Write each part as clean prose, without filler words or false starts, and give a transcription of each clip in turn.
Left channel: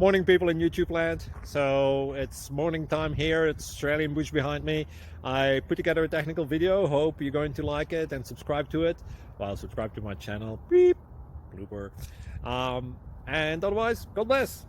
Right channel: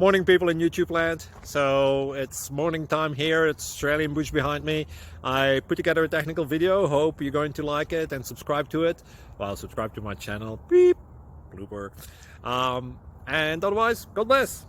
Morning, people in YouTube land. So it's morning time here. It's Australian bush behind me. I put together a technical video. Hope you're going to like it and subscribe to it. Well, subscribe to my channel. Beep, blooper. And otherwise, God bless.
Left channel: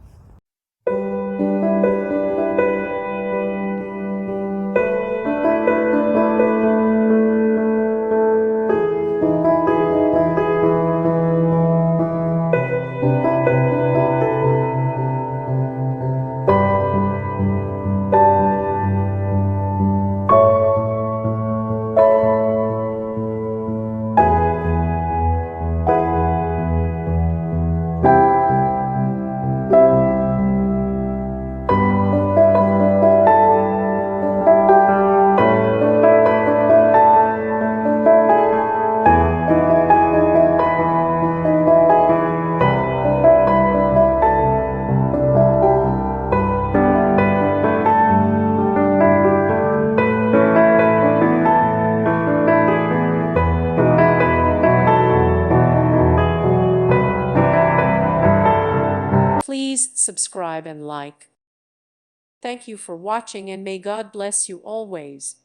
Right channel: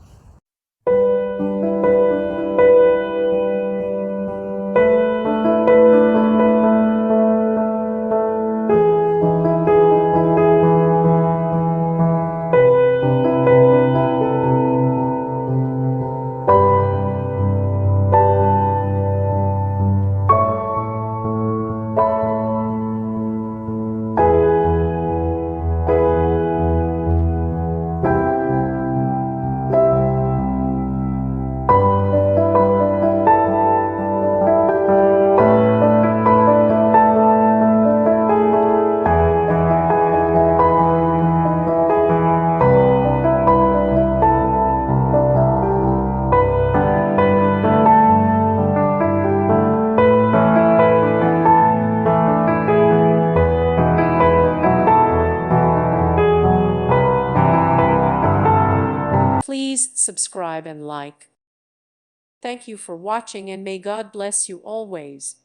Please subscribe and like. Thank you for watching, and may God bless you always.